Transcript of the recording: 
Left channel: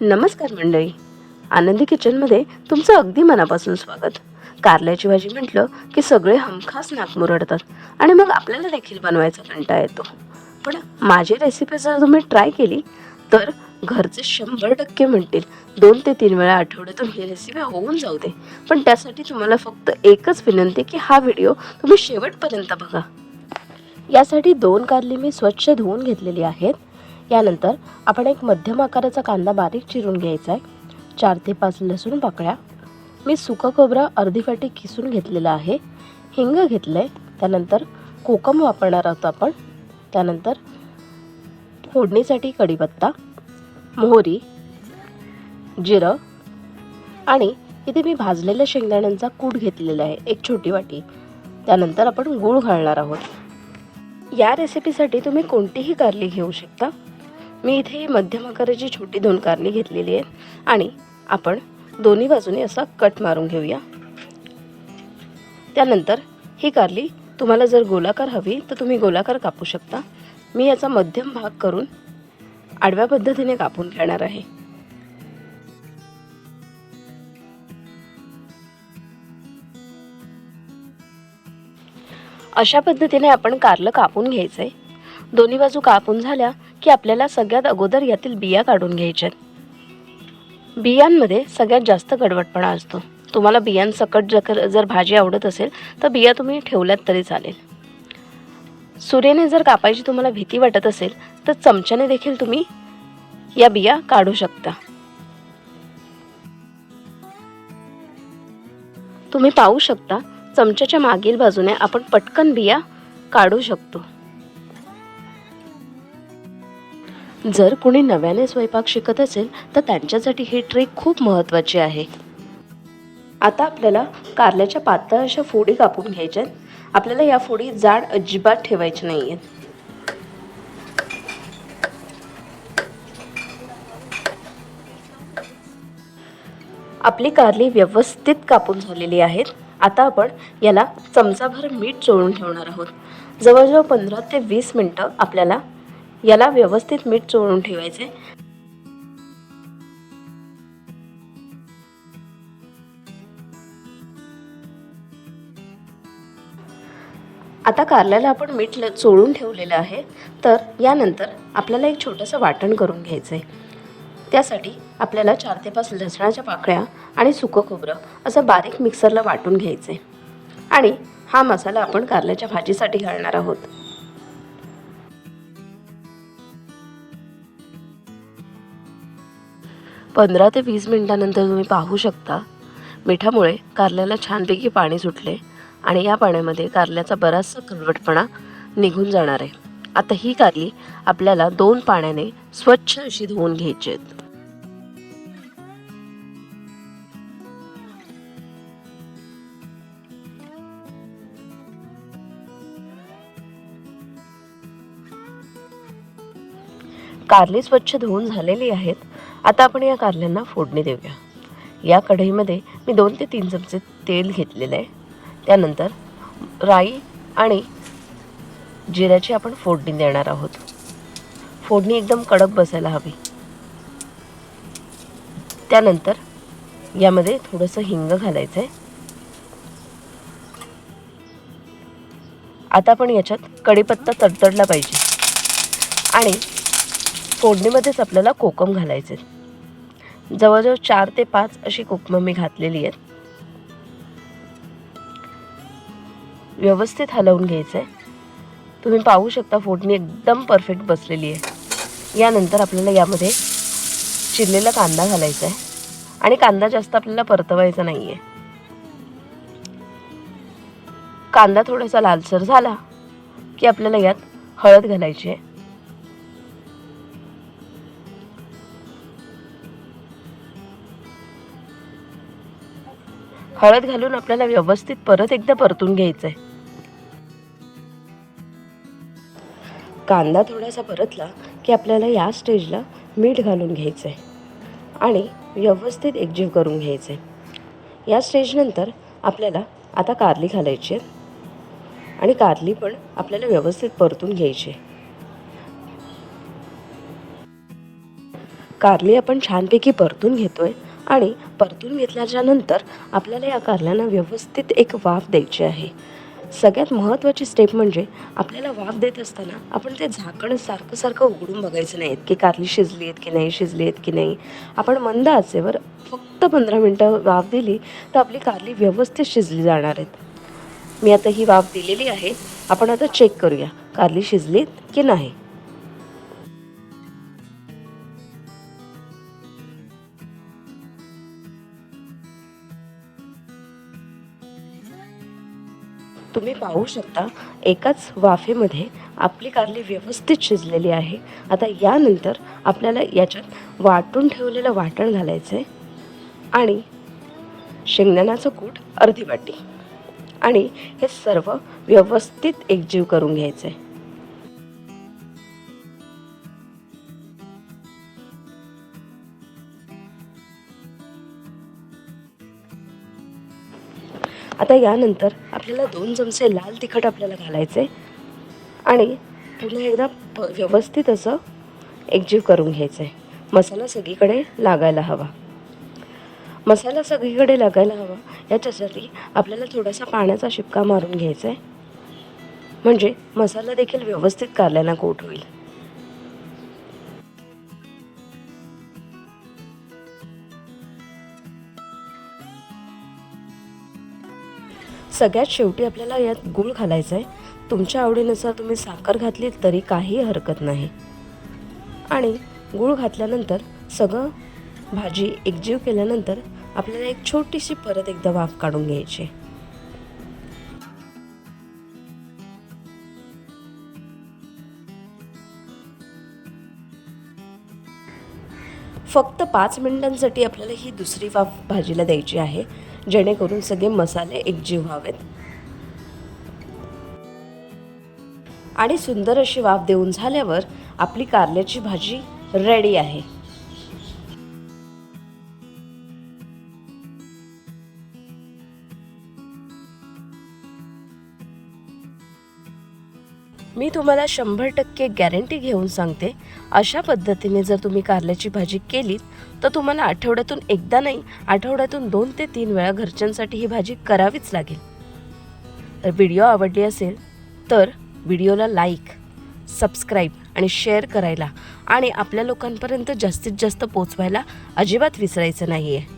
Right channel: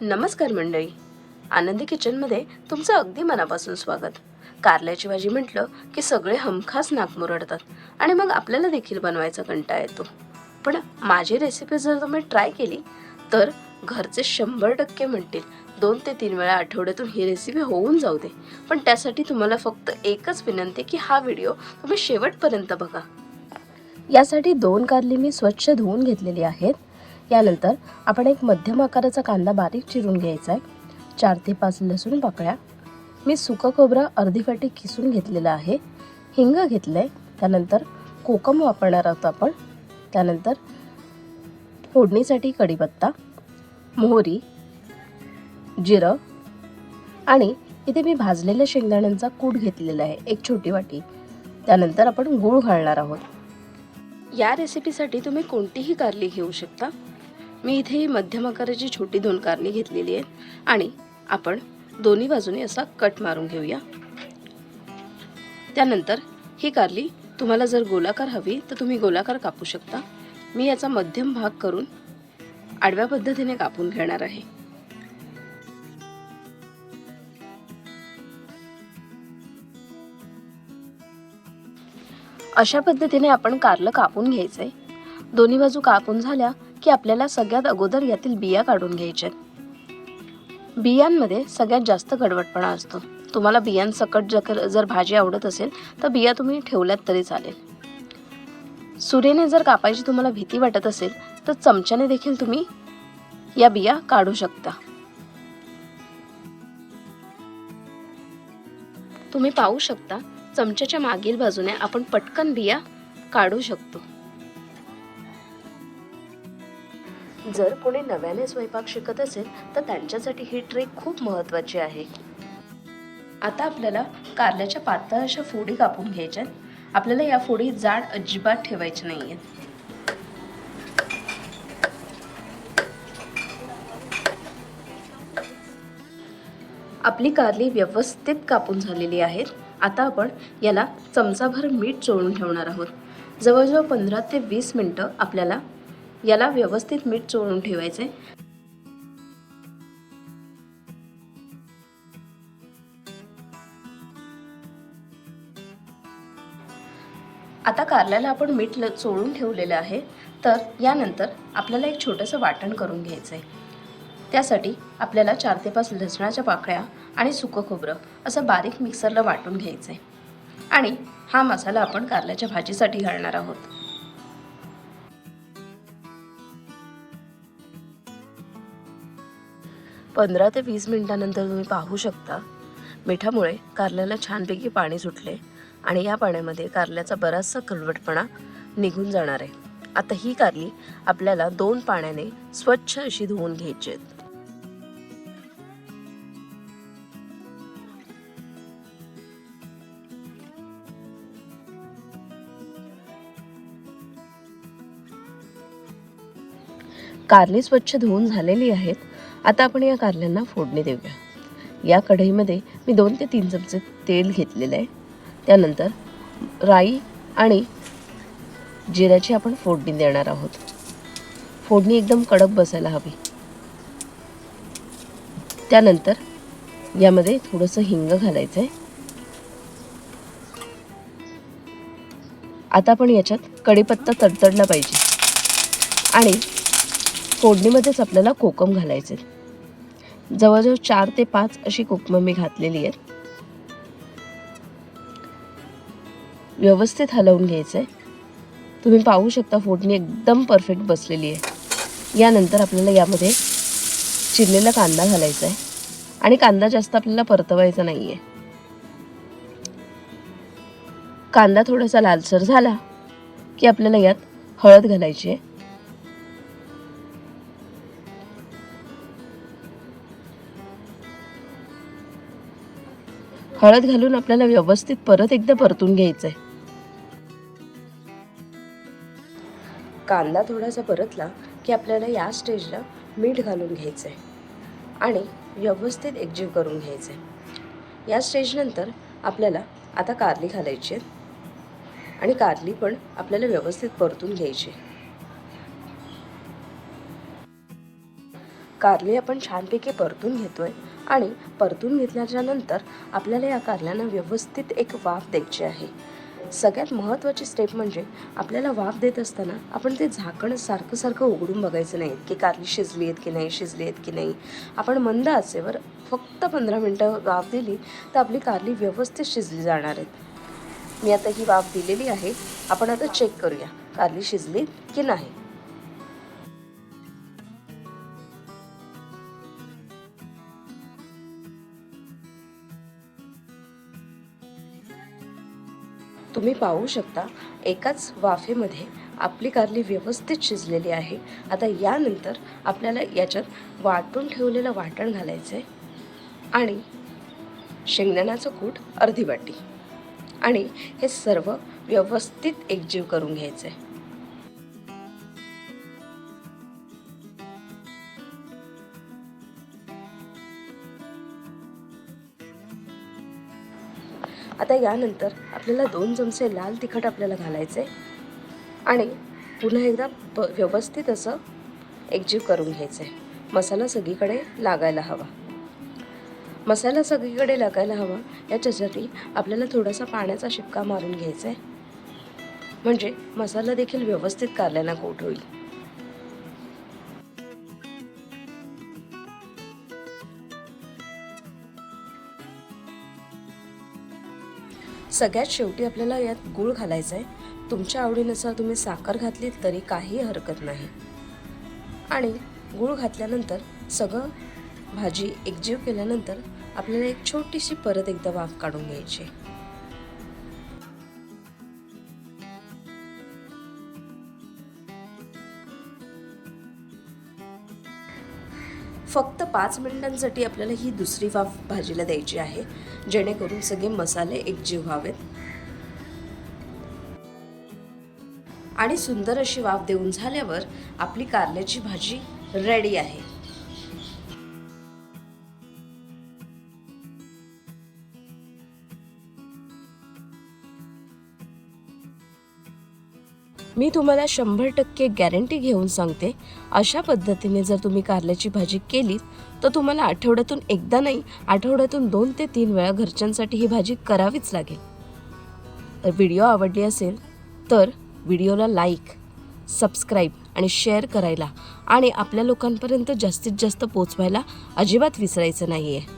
नमस्कार मंडळी. आनंदी किचनमध्ये तुमचं अगदी मनापासून स्वागत. कारल्याची भाजी म्हटलं की सगळे हमखास नाक मुरडतात आणि मग आपल्याला देखील बनवायचा कंटाळा येतो. पण माझी रेसिपी जर तुम्ही ट्राय केली तर घरचे शंभर टक्के म्हणतील दोन ते तीन वेळा आठवड्यातून ही रेसिपी होऊन जाऊ दे. पण त्यासाठी तुम्हाला फक्त एकच विनंती की हा व्हिडिओ तुम्ही शेवटपर्यंत बघा. यासाठी दोन कारली मी स्वच्छ धुवून घेतलेली आहेत. यानंतर आपण एक मध्यम आकाराचा कांदा बारीक चिरून घ्यायचा आहे. चार ते पाच लसूण पाकळ्या. मी सुकं खोबरं अर्धी वाटी किसून घेतलेलं आहे. हिंग घेतलं आहे त्यानंतर कोकम वापरणार आहोत आपण. त्यानंतर फोडणीसाठी कढीपत्ता मोहरी जिरं आणि इथे मी भाजलेल्या शेंगदाण्यांचा कूट घेतलेला आहे. एक छोटी वाटी. त्यानंतर आपण गूळ घालणार आहोत. या रेसिपीसाठी तुम्ही कोणतीही कारली घेऊ शकता. मी इथे ही मध्यम आकाराची छोटी दोन कारली घेतलेली आहेत आणि आपण दोन्ही बाजूने असा कट मारून घेऊया. त्यानंतर ही कारली तुम्हाला जर गोलाकार हवी तर तुम्ही गोलाकार कापू शकता. मी याचा मध्यम भाग करून आडव्या पद्धतीने कापून घेणार आहे. अशा पद्धतीने आपण कारलं कापून घ्यायचंय. दोन्ही बाजू कापून झाल्या की आपल्याला सगळ्यात अगोदर यातील बिया काढून घ्यायच्यात. बियांमध्ये सगळ्यात जास्त कडवटपणा असतो. तुम्हाला बियांसकट जर जर भाजी आवडत असेल तर बिया तुम्ही ठेवल्यात तरी चालेल. सूर्याने जर कापायची तुम्हाला भीती वाटत असेल तर चमच्याने देखील तुम्ही या बिया काढू शकता. तुम्ही पाहू शकता चमच्याच्या मागील बाजूने आपण पटकन बिया काढू शकतो. जर कोणी नव्याने स्वयंपाक शिकत असेल तर त्यांच्यासाठी ही ट्रिक खूप महत्त्वाची आहे. आता आपल्याला कारल्याच्या पातळ अशा फोडी कापून घ्यायच्यात आपल्याला या फोडी जाड अजिबात ठेवायची नाही आहेत आपली कारली व्यवस्थित कापून झालेली आहेत. आता आपण याला चमचाभर मीठ चोळून ठेवणार आहोत. जवळजवळ पंधरा ते वीस मिनटं आपल्याला याला व्यवस्थित मीठ चोळून ठेवायचे आता कारल्याला आपण मीठ ल- चोळून ठेवलेलं आहे. तर यानंतर आपल्याला एक छोटंसं वाटण करून घ्यायचं आहे त्यासाठी आपल्याला चार ते पाच लसणाच्या पाकळ्या आणि सुकं खोबरं असं बारीक मिक्सरला वाटून घ्यायचं आहे आणि हा मसाला आपण कारल्याच्या भाजीसाठी घालणार आहोत. पंधरा ते वीस मिनिटानंतर तुम्ही पाहू शकता. मिठामुळे कारल्याला छानपैकी पाणी सुटले आणि या पाण्यामध्ये कारल्याचा बराचसा कडवटपणा निघून जाणार आहे. आता ही कारली आपल्याला दोन पाण्याने स्वच्छ अशी धुवून घ्यायची आहेत. कारली स्वच्छ धुवून झालेली आहेत. आता आपण या कारल्यांना फोडणी देऊया. या कढईमध्ये मी दोन ते तीन चमचे तेल घेतलेलं आहे. त्यानंतर राई आणि जिऱ्याची आपण फोडणी देणार आहोत. फोडणी एकदम कडक बसायला हवी. त्यानंतर यामध्ये थोडंसं हिंग घालायचं आहे आता आपण याच्यात कढीपत्ता तडतडला पाहिजे. आणि फोडणीमध्येच आपल्याला कोकम घालायचे जवळजवळ चार ते पाच अशी कोकमं मी घातलेली आहेत. व्यवस्थित हलवून घ्यायचं तुम्ही पाहू शकता फोडणी एकदम परफेक्ट बसलेली आहे. यानंतर आपल्याला यामध्ये चिरलेला कांदा घालायचा आहे आणि कांदा जास्त आपल्याला परतवायचा नाही आहे कांदा थोडासा लालसर झाला की आपल्याला यात हळद घालायची आहे. हळद घालून आपल्याला व्यवस्थित परत एकदा परतून घ्यायचंय. कांदा थोडासा परतला की आपल्याला या स्टेजला मीठ घालून घ्यायचं आहे आणि व्यवस्थित एकजीव करून घ्यायचं आहे या स्टेजनंतर आपल्याला आता कारली घालायची आहे आणि कारली पण आपल्याला व्यवस्थित परतून घ्यायची आहे. कारली आपण छानपैकी परतून घेतोय. आणि परतून घेतल्याच्या नंतर आपल्याला या कारल्यांना व्यवस्थित एक वाफ द्यायची आहे. सगळ्यात महत्त्वाची स्टेप म्हणजे आपल्याला वाफ देत असताना आपण ते झाकण सारखं सारखं उघडून बघायचं नाहीत की कारली शिजली आहेत की नाही शिजली आहेत की नाही. आपण मंद आचेवर फक्त पंधरा मिनटं वाफ दिली तर आपली कारली व्यवस्थित शिजली जाणार आहेत. मी आता ही वाफ दिलेली आहे. आपण आता चेक करूया कारली शिजली की नाही. तुम्ही पाहू शकता एकाच वाफेमध्ये आपली कारली व्यवस्थित शिजलेली आहे. आता यानंतर आपल्याला याच्यात वाटून ठेवलेलं वाटण घालायचं आहे आणि शेंगदाण्याचं कूट अर्धी वाटी आणि हे सर्व व्यवस्थित एकजीव करून घ्यायचं आहे आता यानंतर आपल्याला दोन चमचे लाल तिखट आपल्याला घालायचे आणि पुन्हा एकदा प व्यवस्थित असं एकजीव करून घ्यायचं आहे मसाला सगळीकडे लागायला हवा. मसाला सगळीकडे लागायला हवा. याच्यासाठी आपल्याला थोडासा पाण्याचा शिपका मारून घ्यायचा आहे म्हणजे मसाला देखील व्यवस्थित कारल्याला कोट होईल. सगळ्यात शेवटी आपल्याला यात गूळ घालायचा आहे तुमच्या आवडीनुसार तुम्ही साखर घातली तरी काही हरकत नाही. आणि गूळ घातल्यानंतर सगळं भाजी एकजीव केल्यानंतर आपल्याला एक छोटीशी परत एकदा वाफ काढून घ्यायची फक्त पाच मिनिटांसाठी आपल्याला ही दुसरी वाफ भाजीला द्यायची आहे. जेणेकरून सगळे मसाले एकजीव व्हावेत. आणि सुंदर अशी वाफ देऊन झाल्यावर आपली कारल्याची भाजी रेडी आहे. मी तुम्हाला शंभर टक्के गॅरंटी घेऊन सांगते अशा पद्धतीने जर तुम्ही कारल्याची भाजी केलीत तर तुम्हाला आठवड्यातून एकदा नाही आठवड्यातून दोन ते तीन वेळा घरच्यांसाठी ही भाजी करावीच लागेल. तर व्हिडिओ आवडली असेल तर व्हिडिओला लाईक सबस्क्राईब आणि शेअर करायला आणि आपल्या लोकांपर्यंत जास्तीत जास्त पोचवायला अजिबात विसरायचं नाही आहे